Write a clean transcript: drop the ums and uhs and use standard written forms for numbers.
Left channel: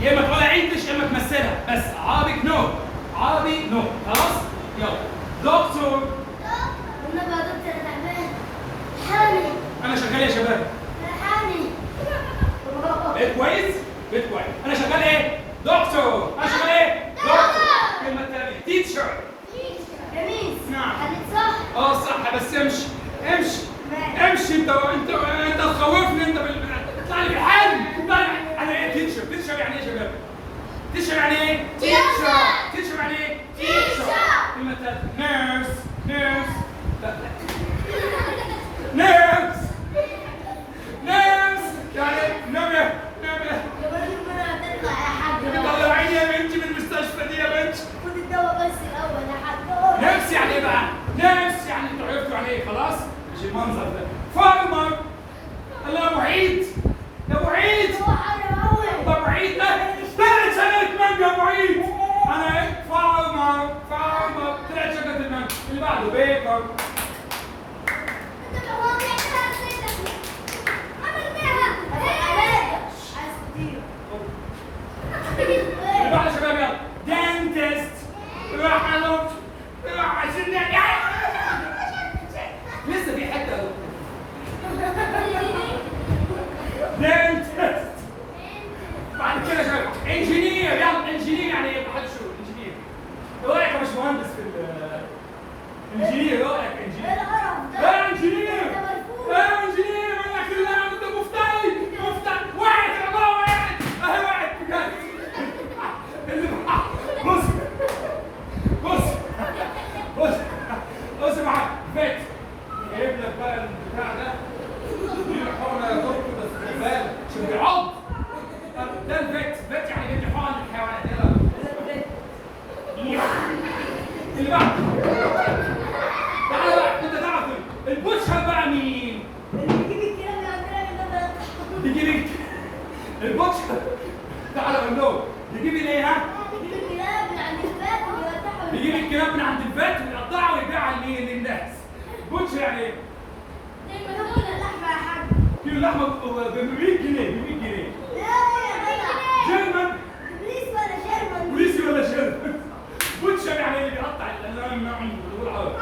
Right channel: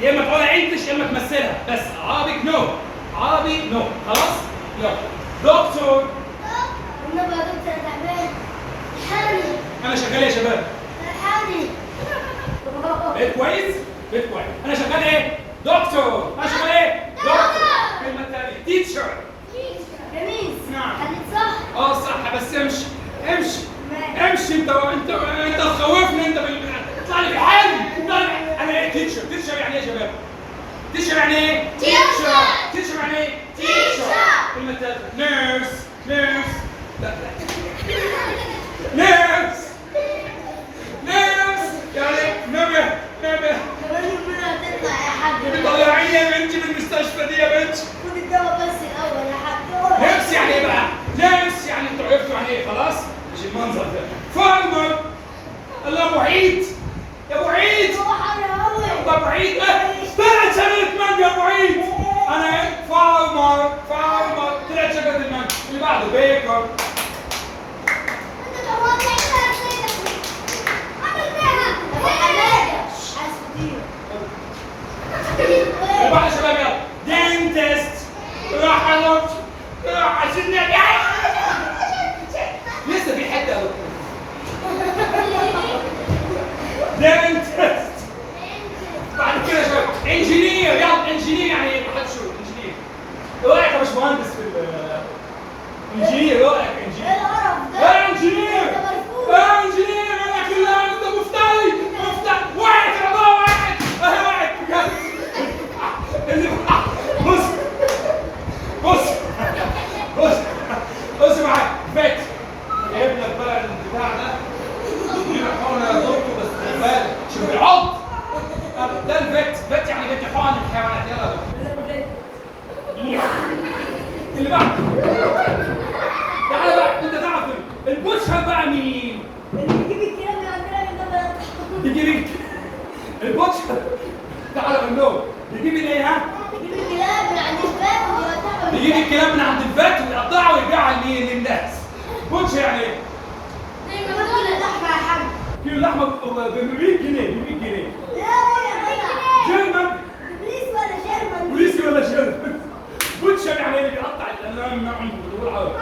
يا اما تقولها انجلش يا اما تمثلها، بس عربي نو، عربي نو، خلاص؟ يلا دكتور. انا بقى دكتور تعبان. حامي. انا شغال يا شباب. حامي. بقيت كويس؟ بقيت كويس. انا شغال ايه؟ دكتور. انا شغال ايه؟ دكتور. الكلمه الثانيه تيتشر. جميل. نعم. قالت صح. صح، بس امشي امشي امشي. انت تخوفني انت اطلع لي بحالي. انا ايه تيتشر؟ تيتشر يعني ايه يا شباب؟ تيتشر يعني ايه؟ تيتشر. تيتشر يعني ايه؟ تيتشر. كلمة ثالثة نيرس. نيرس. لا نيرس. نيرس يعني نبه. طلعيني يا بنتي من المستشفى دي يا بنتي. خد الدواء بس الاول يا حاج. نيرس يعني ايه بقى؟ نيرس يعني انتوا عرفتوا يعني ايه خلاص؟ مش المنظر ده. فارمر. الله ابو عيد. يا ابو عيد. هو حر قوي. ابو عيد طلعت شجرة مانجا يا ابو عيد. انا ايه؟ فارمر. طلعت شجرة المانجا. اللي بعده بيكر. انت بقى عمل بيها. عايز فطير. اللي بعده يا شباب يلا. دينتست. راح عشان لسه في حته دينتست. بعد كده يا شباب انجينير. يلا انجينير يعني ايه؟ محدش يقول انجينير. ايه رايك يا باشمهندس في انجينير؟ ايه رايك انجينير؟ ايه القرف ده؟ ايه انجينير؟ ده مرفوض. ايه انجينير؟ انا كلها انت مفتري. واحد يا بابا واحد. اهي واحد بجد. اللي بص بص بص بص معايا فات. جايب لك بقى البتاع ده. حقنه يا دكتور بس خد بالك عشان بيعض. ده الفات يعني بيدي حقن الحيوانات. يلا اللي بعده. تعالى بقى انت تعرف البوشر بقى مين؟ بيجيب الكلام ده عندنا ده. بيجيب البوشر. تعالى قول له بيجيب ايه ها؟ بيجيب الكلام من عند الباب ويوزعه. بيجيب الكلاب من عند الفات ويقطعها ويبيعها لمين؟ للناس. بوشر يعني ايه؟ زي ما بقول اللحمه يا حاج. كيلو اللحمه ب 100 جنيه. ب 100 جنيه. لا يا جدع. جيرمان. بوليس ولا شيرمان؟ بوليسي ولا شيرمان؟ بوتشر يعني اللي بيقطع الالوان. نعم بالعربي.